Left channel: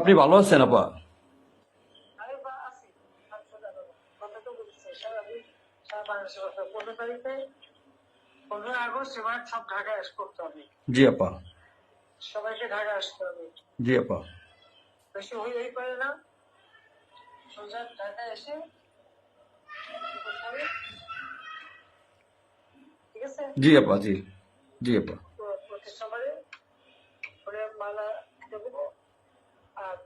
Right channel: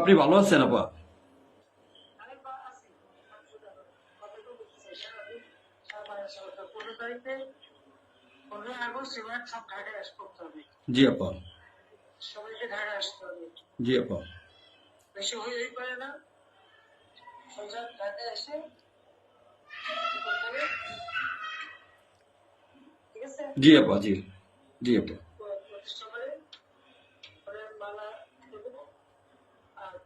আপনি ভালো আছেন আপা? জি আপা। সবাইকে ঢাকায় আসতে হবে। জি আপা। বেশি হইলেই পারে না। সোজা এসে জি আপা জি। জি আপা। প্র- প্রতিষ্ঠাবারে করে। মালা দেবো।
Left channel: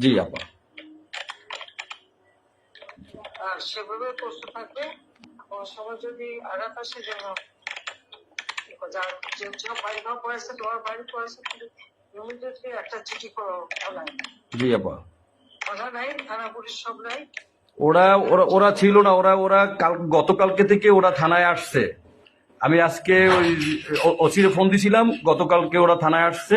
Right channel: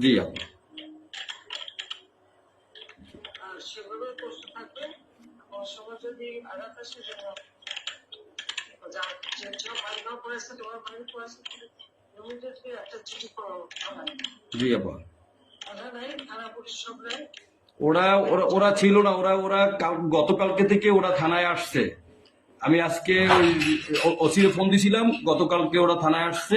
জি আপা সেভাবে প্রস্তুত থাকবে। কোনো সময় যদি আঘাত আসে যেন ওরা ওরা ছিল না ওরা ওরা কাল গতকালকে থেকে ওরা থানায় আসছে। আমি আজকে ওই অচিরে ফোন দিছিলাম গতকালকে ওরা থানায় আসছে।